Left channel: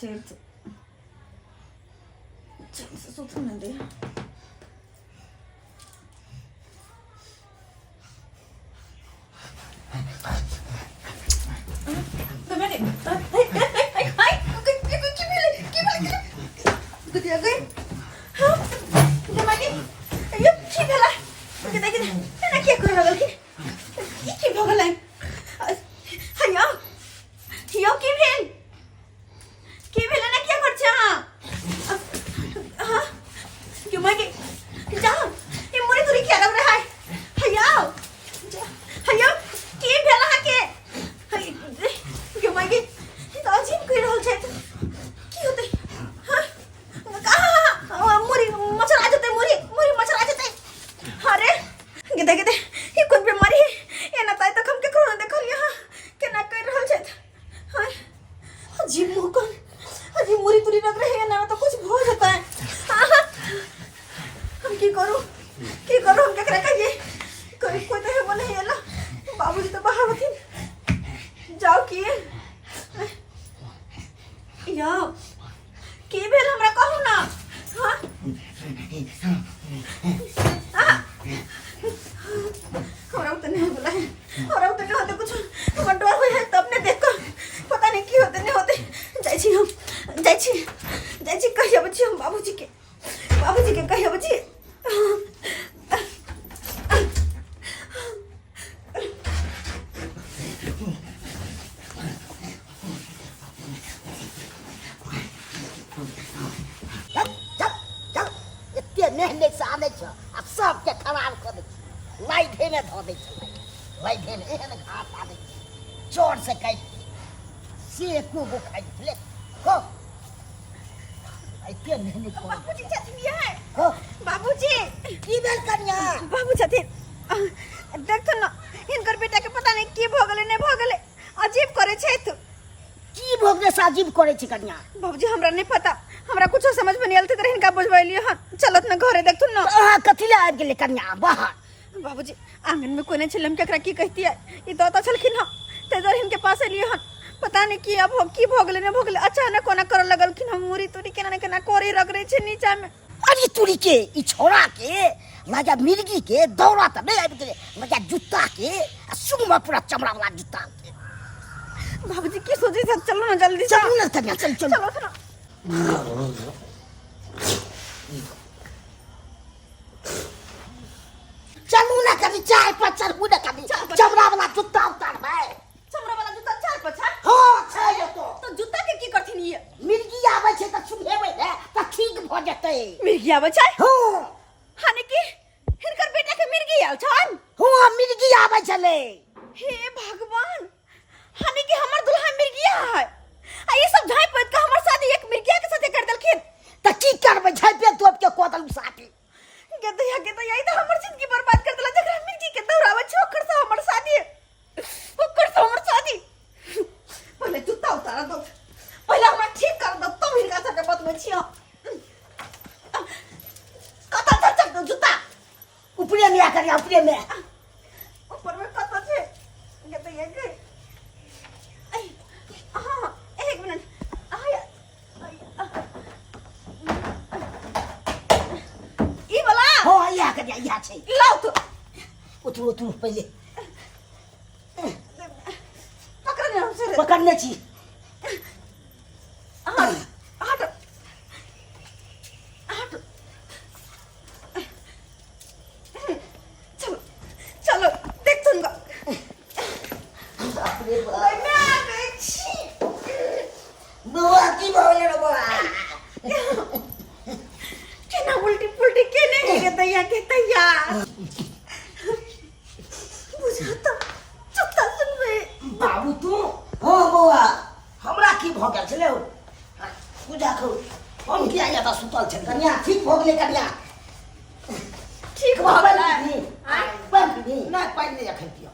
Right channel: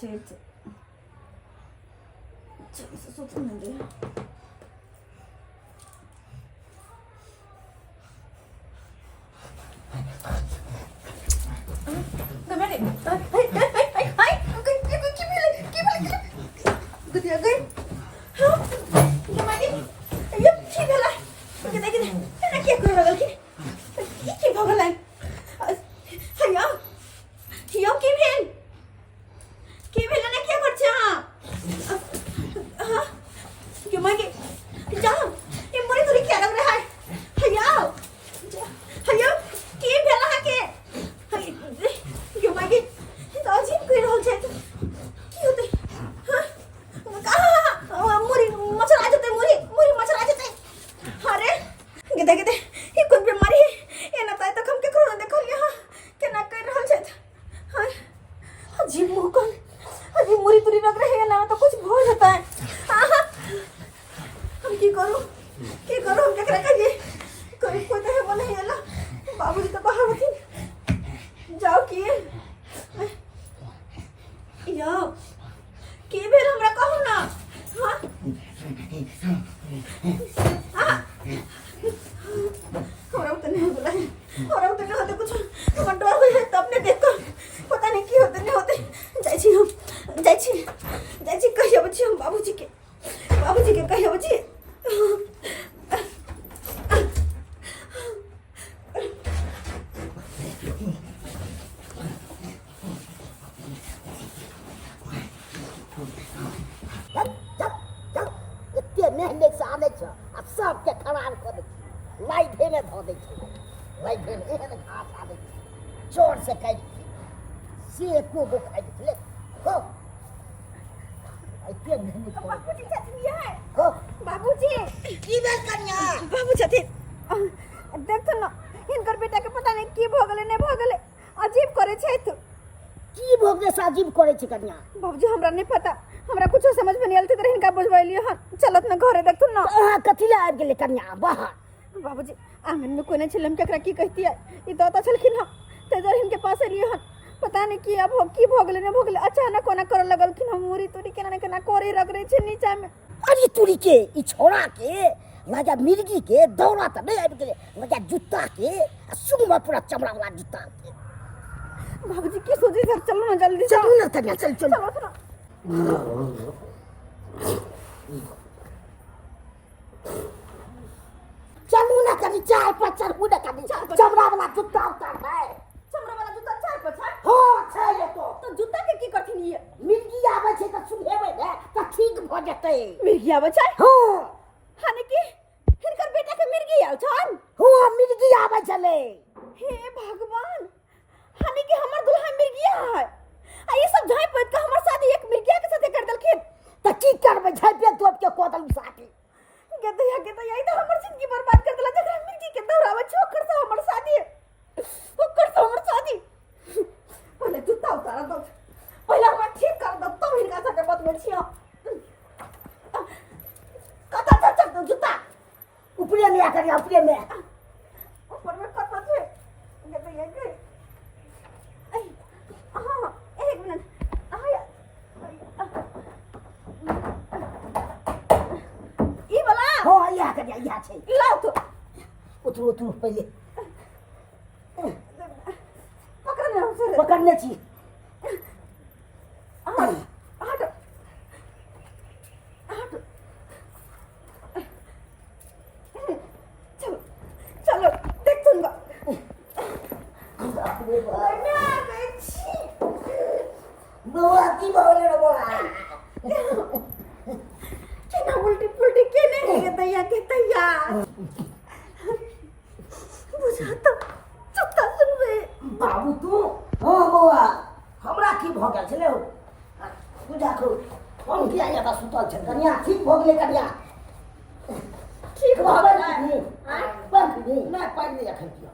छै चल से सुत न दे बाबूजी के कहियो बच्ची मेहनत से आने छ आ सबके खराब कर दे लाई धेने ध दे छ लाई धेने एहन घास आदे जोर से काट से को गो खाइ ले को एते मेहनत कर बाबूजी छथिन है हो बाबूजी की बेल कन्या बाबू छथिन देखत न इनकर बेटा के पता नहीं की भ गेलै नै भ गेलै अजीब करे छै तू की भोगने से अजीब करे छी कन्या बाबूजी हमरा नहीं पता हमरा कुछ समझ में नहीं आलते त हिनका बुझबैलिए हन चलत न घरे देखथुन न अहाँ कथि ले आबि गेले कन्या बाहर बाबूजी आंगन में कोने छलम केकरा की कहती है ई दाता छलखिन ह तेजर हिनके पास एलिए हन पता नहीं की अब की भ गेलै नै भ गेलै अचानक कोना कर लगलखिन हम मुरी तुरी केना केना कोरी रगड़े छै नीचा में अरे तुरी के ई छोरा के लगा मिर्गी के दौड़ा त नहीं आबि गेले लगा जूता के सुमा पूरा चमड़ा वाला जूता के बाबूजी की सोचे छ चलो ना जल्दी चलो ना कन्या चल चल चलो चलो चलू ना कभी चाय पर चढ़ू ना कभी चमड़ा वाला जूता उतार भाई चमड़ा वाला जूता चार पछा हां छै ये तो जूता के की करथिन ये मिर्गी आबै छै त सुनेबै ने त ठीक भ जेतै मिर्गी आबै छै हां हाने की हिनकर बेटा के मिर्गी आउ छन हां मिर्गी आबै छले हे भगवान हाने की हमर दुल्हा मिर्गिया है आ ये सब झाई पैत का हमर शादी एक मिर्गिया के साथे कर देलखिन त की करबै झाइपे तोप के कोदल साथी के ई त हमर जिंदगी बर्बाद कर देला जकरा मिर्गी के दौड़ावे छै ओकर से हमर शादी पहले जूता उतार दो पहले हमरा ठीक कर दो तब हिनका साथे बतबै छियो कता चल दो जूता ऊपरे में आकर ऊपरे में ऊपर में कता छै ये के हां एक मिनट आया ई वाला हां या कर या छै लाओ तो उठू पहले पकड़ने हमसे पकड़ने छी हट चलो चलो देख तुम बापरे बाप मैं आ गई छी बोला की बोले रे बोला केना उल्टी पुल्टी केने के तैया बुझा तो चुपता सुनबे बाबू तू हां बौआ हमरा की भ गेल छले पूजा करू हम किया जाता सुतल छै कन्या ठीक भ गेले कन्या ठीक भ गेलै पानी नहीं ना पानी नहीं अखन पियो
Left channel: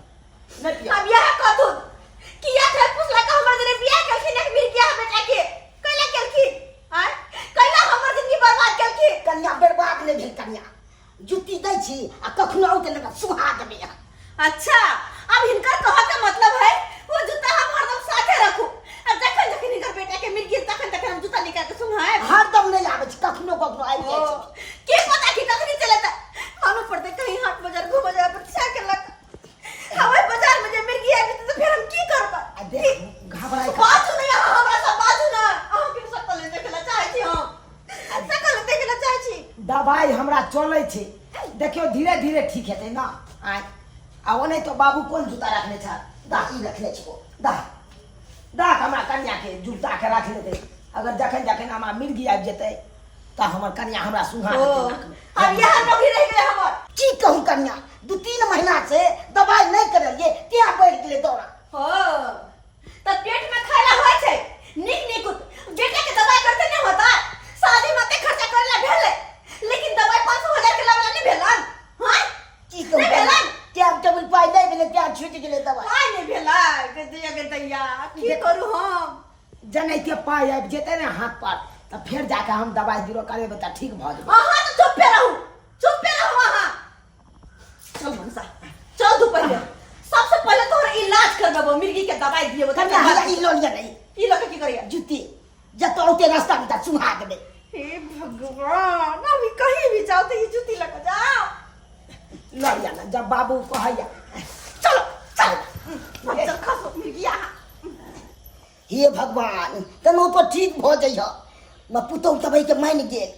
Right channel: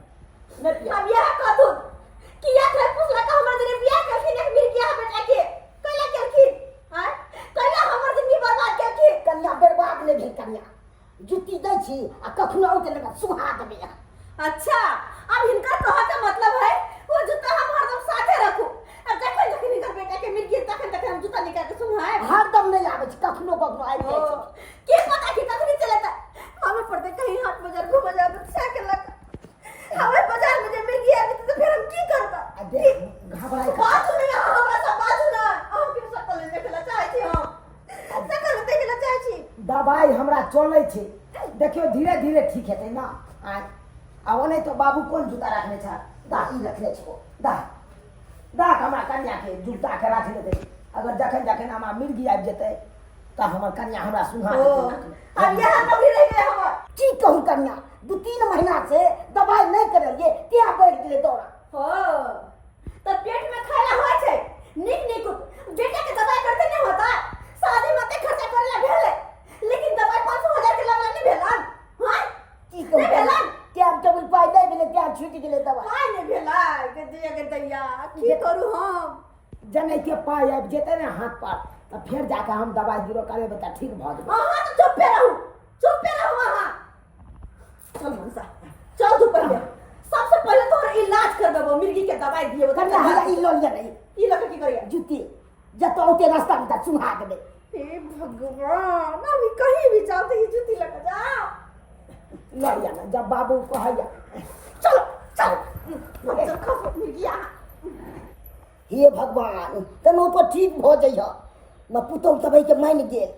नहीं पियो अब यह कथु किया थे पुछला का हमर जरे बियाह केलखिन एक मिर किया बेटा के कैला केलखिन हैं कैला हमर जिंदगी बर्बाद केलखिन कन्या बर्बाद नहीं भेल कन्या जुती दै छी आ कखनो के लगा सुहा देबे अच्छा अब इनका कहा का मतलब है वो जूता हम हरदम साथे रखू अब जखन जखन इनकर बेटा के मिल गेल तखन तखन हम जूता निकाल के सुनाए हरदम नहीं आवे छै, कखनो कखनो आबि जाइ छै। के पता कि कखनी चलता मालूम पड़ते कहीं हाट बाजार घूम बाजार पर छा के लग हमें बाजार में जे मिर्गी आबी तो फिर हम की करबा। आ देख घबराई बात नहीं हमरा सब बात ना हम के सकल देखला चाहै छी, हम सकल देखला चाहै छी। दवाई हमरा चलै छै, देखियो धीरे धीरे ठीक हेतै ना। आइ आ नहीं तो बाबू कोन जूता रखने छ, दा ई रखने छो, दा दा हमरा कन्या के जूता के रख लेते। अगर जखन जखन हमरा मिर्गी आबि जेतै त हमर कन्या हमरा सुहा देतै। अब यहां नौकरी रह गेलै हमर। की कहूं कन्या, 2-3 महीना से दवाई नहीं करलिए, क्या बढ़ गेलै दौड़ा। हो त पेट में खाइला होय छै निक निक बेटा के दवाई करते नहीं होता, शादी में ते खर्चा करेला भेले लेकिन दवाई 500,000 के लागला नहीं भेलन। हां की कहूं नहीं भेलन, टाइम टेबल पाई नहीं भेलै, क्या छूट गेलै दवाई। हाय नहीं भेला के दिया के दैया की करू हम। जनैते पाई आबि जेतै ने हाथ पर त फेर जाके हम दवाई बीरो करेबै त ठीक भ जेबै। हां तो चुप पे रहू वहां। चल मनसा चल तू पहले, सबसे पहले तोहर इलाज करबो, मिर्गी के दवाई दियो कन्या हमरा ई लो लिया नहीं, ई लोग की करिया जूती जत औते रास्ता में त सुहा देबै। हे भगवान अभी कहीं भी जाओ तो ये जूती लगा जाओ। लो लिया ना, जब बाबू कहैया चलो चल चल खसो मिर्गिया। हे भगवान तनो तो ठीक भ जइह। मैं पुतौ तबै के मान गेल,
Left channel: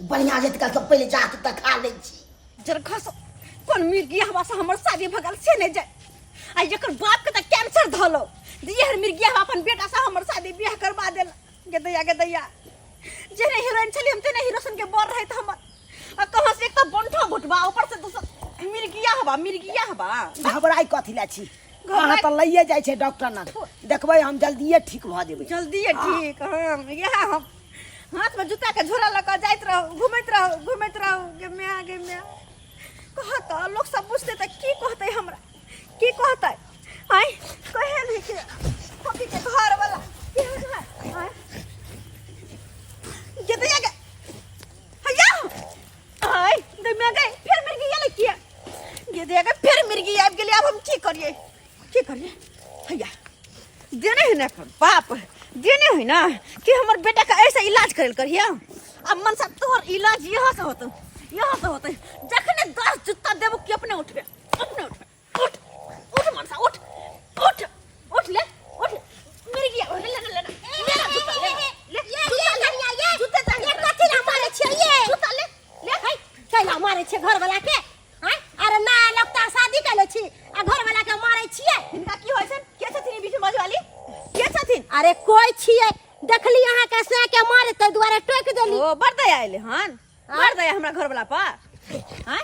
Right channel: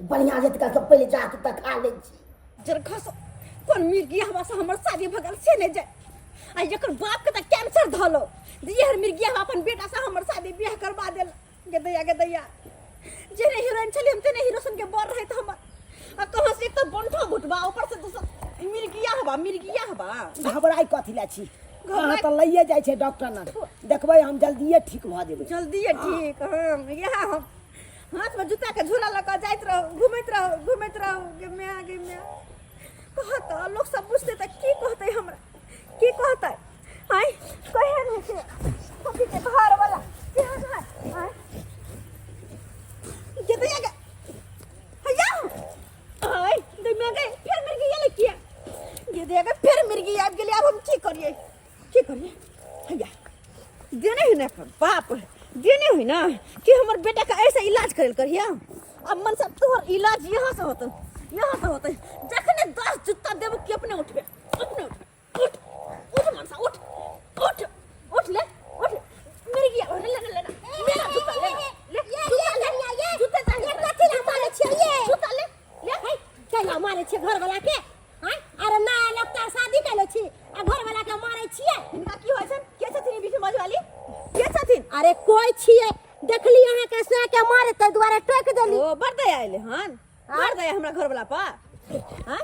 बढ़िया जेत का पहले जात त खा लै छी। जर खसो कोन मिर्गिया हवा से हमर शादी भगल से नहीं जाए। आ एकर बाप के त कैंसर धलो, ये मिर्गिया अपन बेटा से हमर शादी ब्याह करवा देल। के दैया जेने हीरोइन छली हम तेने हीरो सन के बोल रहे थे हमर। आ कहां से एक तो बंठो घुटबा ऊपर से दूसरा मिर्गिया हवा। घबराई कथि ला छी, कहां त लइए जाय छै डॉक्टर ना, देखबै हम जल्दीए ठीक भ जेबै। जल्दी ठीक हम यह हम हाथ में जूता के झोरा लगा जाइत रहो, घूमैत रहो गे मैं कहत लोग सब पूछते त की कहते हमरा, की कहते हाय कहे नहीं के कभी के घर वाला हाय ये तो आगे भैया हाय दे में गए फिर मिर्गी ये किया ये दे आगे फिर मिर्गी आब गेली। अब हम की करिए भैया देने है ना बाप देने है ना कि हमर बेटा का ऐसा इलाज करल करिया। अब मन सब तोहर इलाज यहाँ से होता जखने 10 जूता देबो कि अपने उठबे उठ मनसा उठ ले मिर्गी ले मेरा जूता ले जूता चाहिए कथि ला मारे छिए ये जूता ले भाई चला मारे छिए घर वाला के। हां अरे ना लगता शादी कैले छी आ घर वाला के मारे छिए। इनका की होय छै के छथिन बीच में वाली के छथिन। अरे कोई छिए देखली अहाँ के से के मारे त दुआरे टोक देली। ओ बड़ दया आइले हन बड़ दया हमरा घर वाला पर। हां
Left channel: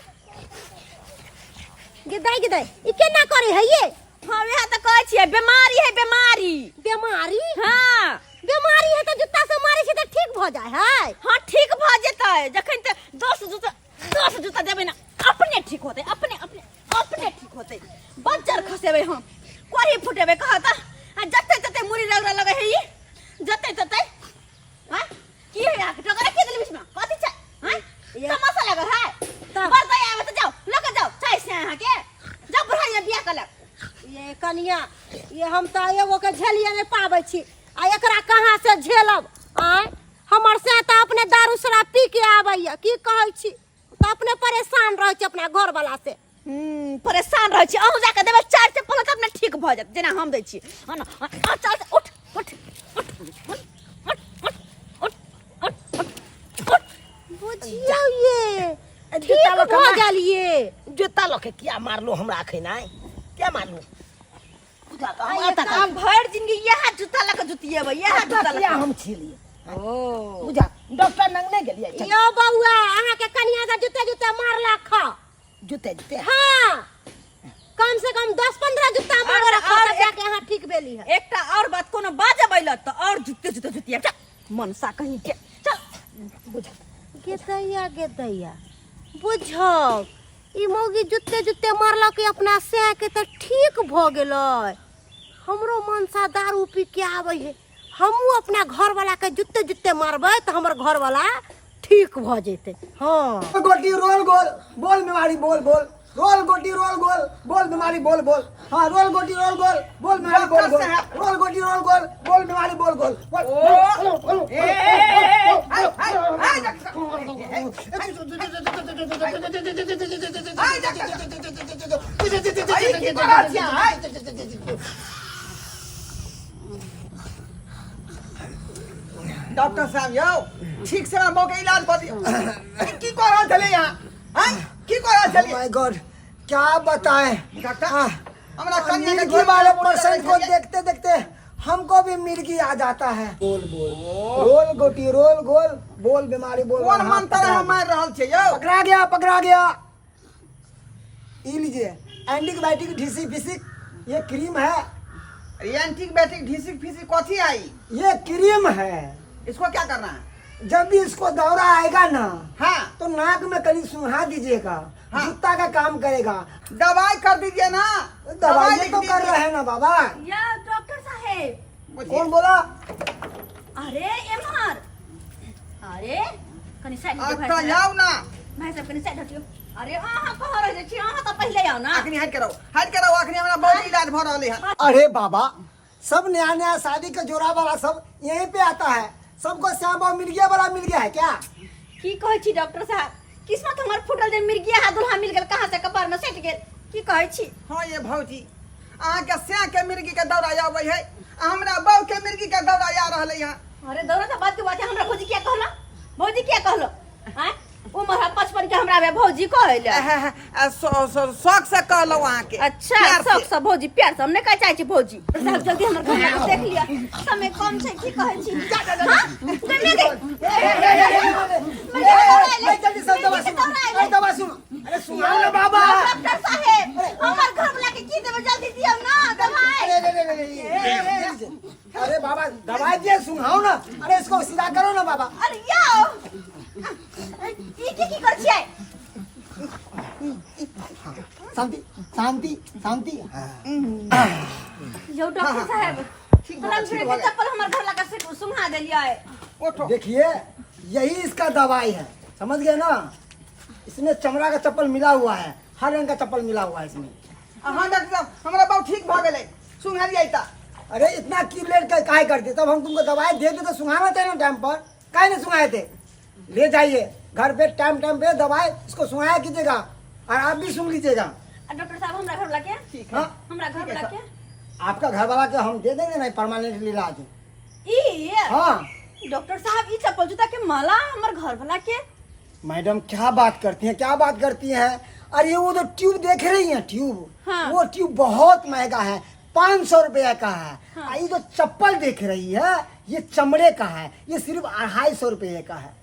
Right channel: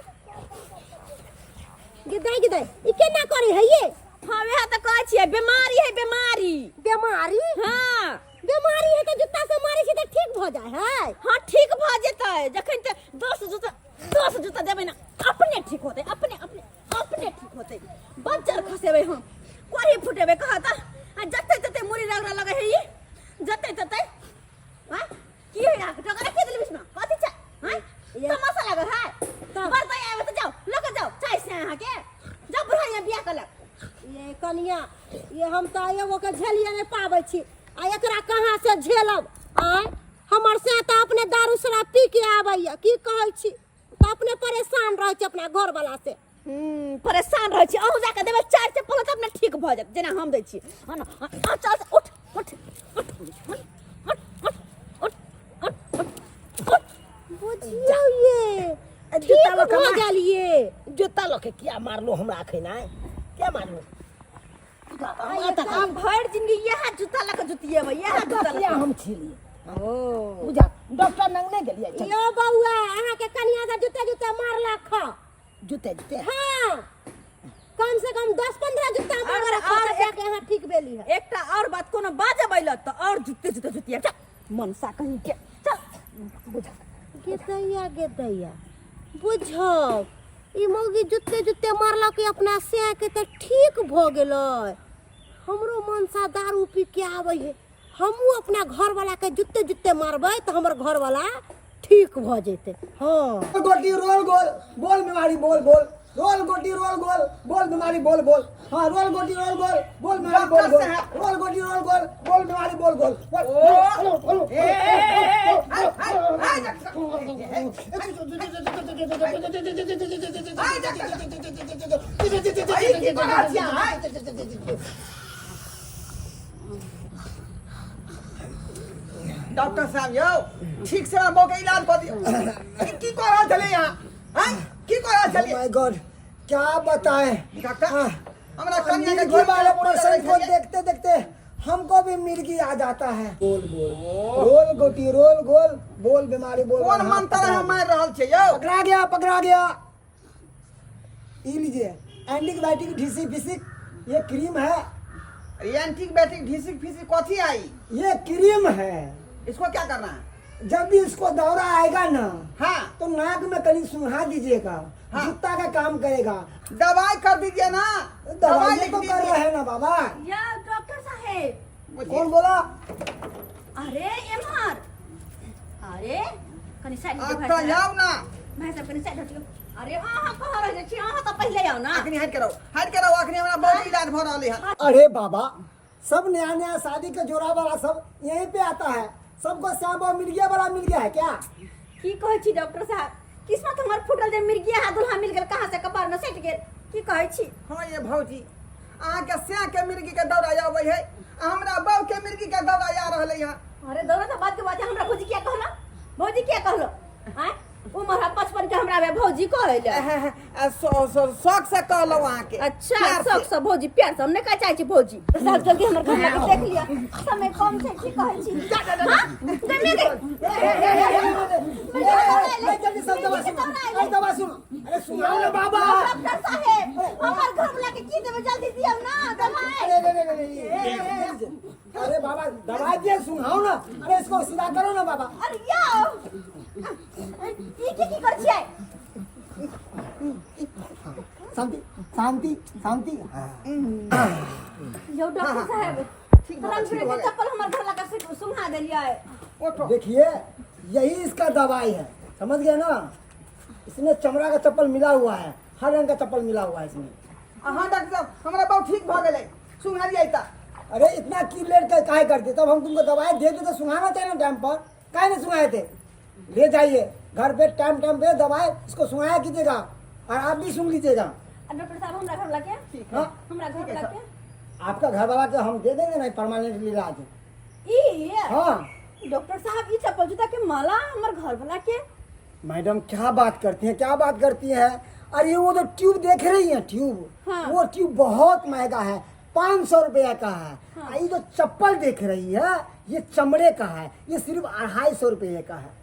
गिदाई ई केना करे है ये। हां वह त कहै छिए बीमारी है बीमारी। हां बीमारी है तो जूता से मारे छै त ठीक भ जाय है। हां ठीक भ जेतै जखन त 10 जूता देबै ना अपने ठीक होतै अपने ठीक होतै। बज्जर खसेबै हम कोरी फुटेबै कहता जते मुरी रगड़ा लगे है ये जते हां की है या टकरा के दिल बीच में कथि छै। हां तमाशा लगे है बड़ दया आवे त जाओ लेके जाओ चाय से यहां के जाओ बुढ़ाइया बियाह कर ले। ये कनिया ये हम त एगो के झेलिए नहीं पाबै छी आ एकरा कहां से झेलब। आय हमर से त अपने दारू शराब पी के आबैया की कहै छी त अपने परेशान रहै छी अपना घर वाला से। परेशान रह छी अहू जाके देबे 4 से पहले त अपने ठीक भ जात जेना हम दै छी। चल उठ बुझियो ये ठीक भ गेलिए। जूता लके क्या मारलो हमरा अखन आय क्या मारलो हम भर जिंदगी यह जूता लके जुतिएबै यह जूता लके हम छिलिए। ओ बुझा डॉक्टर नंग नहीं गेलिए यो बउआ अहाँ के कनिया से जूते मारला खा जूते हां कम से कम 10-15 जूता मारला खा जाके अहाँ ठीक भेली है। एकटा और बात कोनो बाजबै ल त और जुतिया मनसा कहीं के चल बुझा गेदैया बुझौ ई मौगी जूते मारला के अपना से के त ठीक भ गेलै। हमरो मनसा दारू पी के आबै है हमहू अपना घर वाला के जूते मारबै त हमर घर वाला ठीक भ जेते। हां गोटी रोल गोल बोल मेवाड़ी बोल रोल गोटी रोल गोल बोल बीमारी बोल बोल। हाँ रोल गोटी रोल गोल बोल बीमारी बोल गोल। रोल गोटी रोल गोल बोल बीमारी बोल गोल। डॉक्टर साहब यो ठीक से हमरा के इलाज कर दियो। की कर रहा चले यहाँ हैं की कर रहा चलिए माय गॉड क्या बताएं डॉक्टर हमरा मिर्गी कन्या के वाले पेशेंट को देखते देखते हमको भी मिर्गी आ जाता है। बोल बोल रोल गोटी रोल गोल बोल बीमारी बोल। कौन मंत्र है मार रहल छे यो पकड़ा गया पकड़ा गया। ये लीजिए एंटीबायोटिक ढीसी फिसिक ये क्रीम है। एंटीबायोटिक ढीसिक फिसिक कथी आई ये क्रीम है। इसको क्या करना है जब भी इसको दौरा आएगा ना हाँ तो नाक में कहीं सुहा दीजिएगा। हाँ। जूता का काम करेगा। दवाई कर दीजिए ना दवाई लिख तो कर दीजिए। रहे हैं ना बाबा। या डॉक्टर साहेब बोलिए। कौन बोला? अरे एमआर अरे कनी साइड आता जाओ ना भाई साहब कनी साइड हटियो। अरे अहाँ कह रहे छी अहाँ तो पहले आओ ना। अखनी हट करो अखनी हमरा बहुत इलाज भ रहले है अरे बाबा सब नया नया शादी का जोड़ा वाला सब यहीं पे आता है। सबको श्याम बाबू मिल गया है क्या? की कहै छी डॉक्टर साहब किस्मत हमर फुटल जे मिर्गी हा दुल्हा मिल गेल कहाँ से कपार में सट गेल। की कहै छी? हाँ ये भौजी अहाँ के स्या के मिर्गी के दौरा आवे है हमरा बहू के मिर्गी के दौरा आ रहले है। अरे दौरा से बात के बात है हमरा भौजी क्या कहला? भौजी क्या कहलो? हैं उम्र है 55 के हमरा बे भौजी कहले। शौक से कहलो अहाँ के अच्छा प्यार से। शौक से भौजी प्यार से हमने का चाहे छी भौजी। साहब जल्दी हमर घर लाके देख लिया समय कम छै की कहै छी? जल्दी जल्दी सब दवा सुनो। अरे दवा सुनो। अरे सुनाओ ना बाबा। डॉक्टर साहेब हमर घर लाके की देबे जल्दी दियो ना दवाई। अरे बाबा दवाई दिए सुनाओ ना। अरे इसको सीधा करो ना बाबा। अरे याओ ई की कर छियै? शांति शांति शांति। यो डॉक्टर साहेब ठीक तुरंत ठीक फिर हो के गया। चप्पल हमर घर लाके सुंघा देलिया है। उठो देखिए यही इसका दवाई है समझ गए ना। इसमें चमड़ा का चप्पल मिला हुआ है हर रंग का चप्पल मिला हुआ है इसमें। हाँ डॉक्टर साहब हमरा बहुत ठीक भ गेलै सुंघाली आइता। अरे इतना क्यों लेट कर काहे करते? तब हम तुमको दवाई दे दे तो सुंघाना चाहिए ना टाइम पर। काहे नहीं सुंघाए थे? ले जाइए घर पे टाइम पे दवाई इसको सुंघाया कीजिएगा और आप भी सुन लीजिएगा। डॉक्टर साहब हमरा घर लाके ठीक हाँ हमरा घर लाके आपका घर वाला के हम दे देंगे ना परमानेंट इलाज। ई हाँ डॉक्टर साहब ई चप्पल जूता के माला हमर घर वाला के। मैडम क्या बात करती हैं क्या बात करती हैं? अरे वो तो ट्यूब देख रही हैं ट्यूब। हाँ। वो ट्यूब बहुत महंगा है 500 रुपया का है। हाँ। ये जो चप्पल देख रही है ये चमड़े का है ये सिर्फ 250 रुपये का है।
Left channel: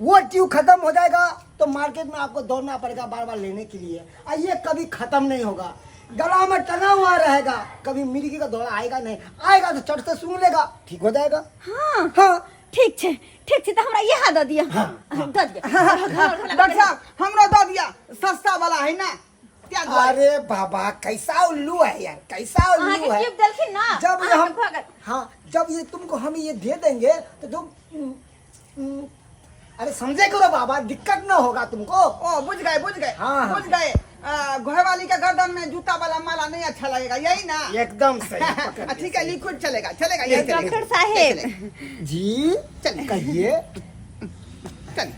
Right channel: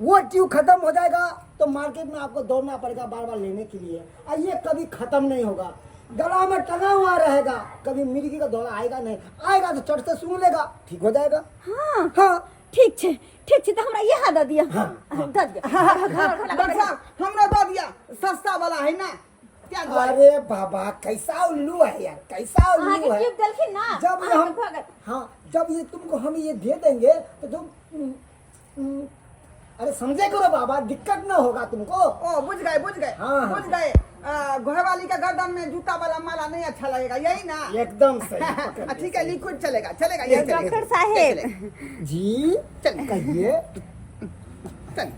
वो ट्यूब खत्म हो जाएगा तो मार्केट में आपको दौड़ना पड़ेगा बार बार लेने के लिए और ये कभी खत्म नहीं होगा। गला में टंगा हुआ रहेगा कभी मिर्गी का दौरा आएगा नहीं। आएगा तो चढ़ से सूंघ लेगा ठीक हो जाएगा। हाँ हाँ ठीक छै तो हमरा ये दे दिया। हाँ, दे दिया। डॉक्टर साहब हमरा दे दिया सस्ता वाला है ना क्या दवाई? अरे बाबा कैसा उल्लू है यार कैसा अहाँ उल्लू के है। ट्यूब देलखिन ना जब ये अहाँ हम के भगत। हाँ जब ये तुमको हम ये दे देंगे तो अरे समझे करो बाबा दिक्कत ना होगा तुमको। ओ बुझ गए हाँ, हाँ। बुझ गए घरवाली का गर्दन में जूता वाला माला नहीं अच्छा लगेगा यही ना? एकदम सही। ठीक है लिक्विड चलेगा यही चलेगा। डॉक्टर साहेब जी चल कहिए चल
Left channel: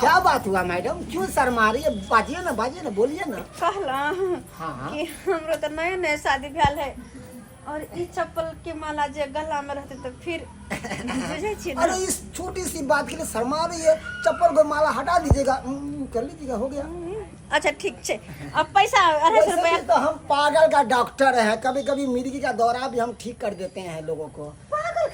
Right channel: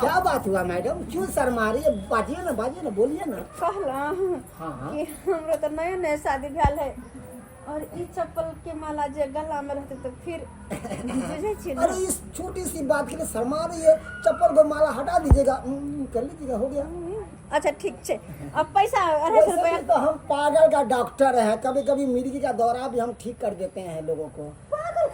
क्या बात हुआ मैडम क्यों शर्मा रही है? बाजिए ना बोलिए ना। कहला हाँ हाँ कि हमरो तो नए नए शादी भेल है और ई चप्पल के माला जे गला में रहते तो फिर बुझे छी ना। अरे इस छोटी सी बात के लिए शर्मा रही है। चप्पल को माला हटा दीजिएगा कर लीजिएगा हो गया। अच्छा ठीक छै अब पैसा 250 वैसे रुपया। भी तो हम पागल का डॉक्टर है कभी कभी मिर्गी का दौरा भी हम ठीक कर देते हैं लोगों को।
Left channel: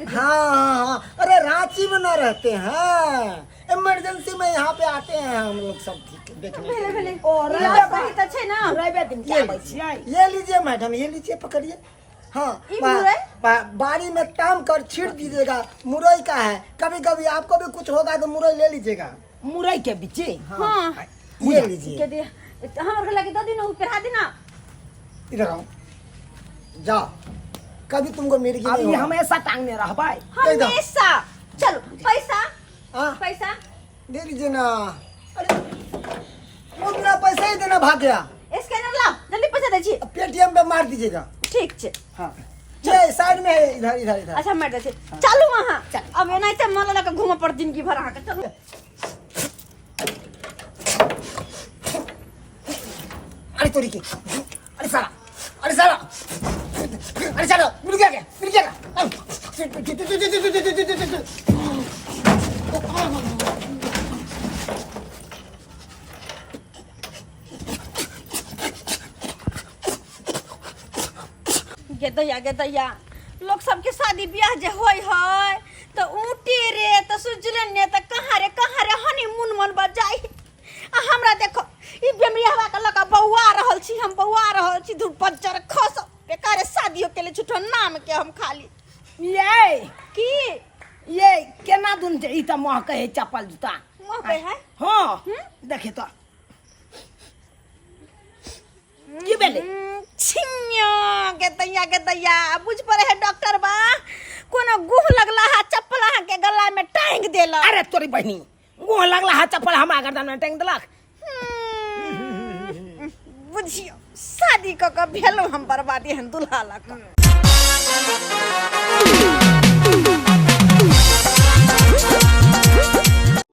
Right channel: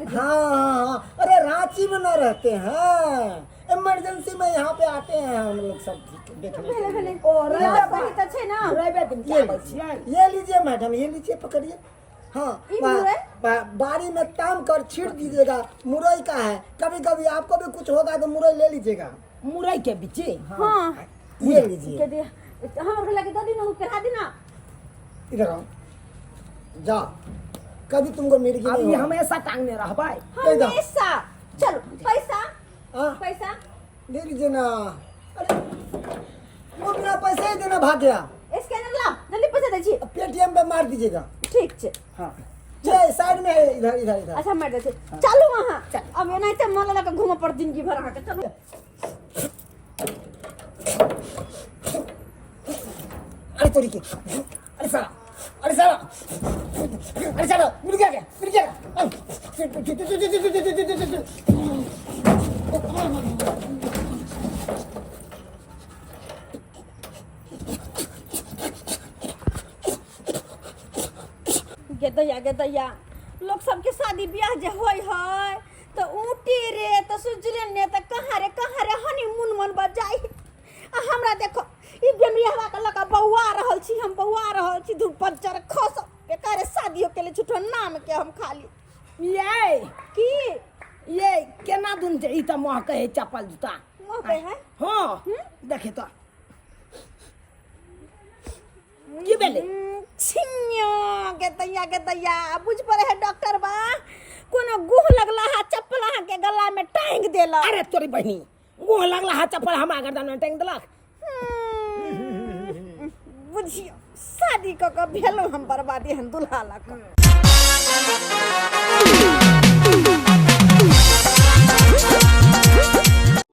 हाँ अरे रांची में न रहते हैं इमरजेंसी में यहाँ पे आते हैं हम लोग सब ठीक देखने के लिए। और सही तो छै ना। ये लीजिए मैडम ये लीजिए पकड़िए। हाँ ई मुरई? बारी में ताम कर छीट दीजिएगा मुरई का है। कभी कभी आपको भी कुछ होगा तो मुरई ले लीजिएगा। मुरई के बीचे हाँ ये लीजिए के दिया हमर घर लाके दो दिन हो फिर दिन ना। इधर आओ जाओ कभी तुमको मिर्गी नहीं अभी होगा। हमेशा टांगने रहबै। एकदम। हमेशा चलो पैसा हाँ पैसा दे लीजिए ना। अरे वो बिना पैसे ही देना भाग गया। दे छी पेटीएम पे मार दीजिएगा। ठीक छे। हाँ ये साइड में है, इधर इधर इधर। अच्छा मार दे छी चलू वहां अब एनाइते मन लगा घूम पर जिंदगी भर अहाँ के चलू। अरे तोरी के, अरे साला, अरे साला, अरे साला मिल गया क्या, मिल गया गे दैया लोग सबके शादी ब्याह जे होय है तो ऊटी रे तो सुजलन ने तो कहाँ रे हनीमून मन बजाई आ हमरा देखो ई बेमरियावा के लगा बौआ रहल छी हम बौआ रहल छी धूप बज्जर खस बेकार शादियों के लिए झूठो नाम के हम खाली ये की ये केना दुन जे ई त महक है चप्पल जूता मोह पे है हाँ देखे तो की बेले छिन्यो के दैया बुझ पड़े है डॉक्टर बा कोनो गुह लगला है चप्पल अहाँ के गला में टांग देला अरे तोरी बहनी वो लगला है चप्पल हमरा गर्दन में टांग देलक। बुझियो शादी क के भेलो हम बर्बादी हम दुल्हा लक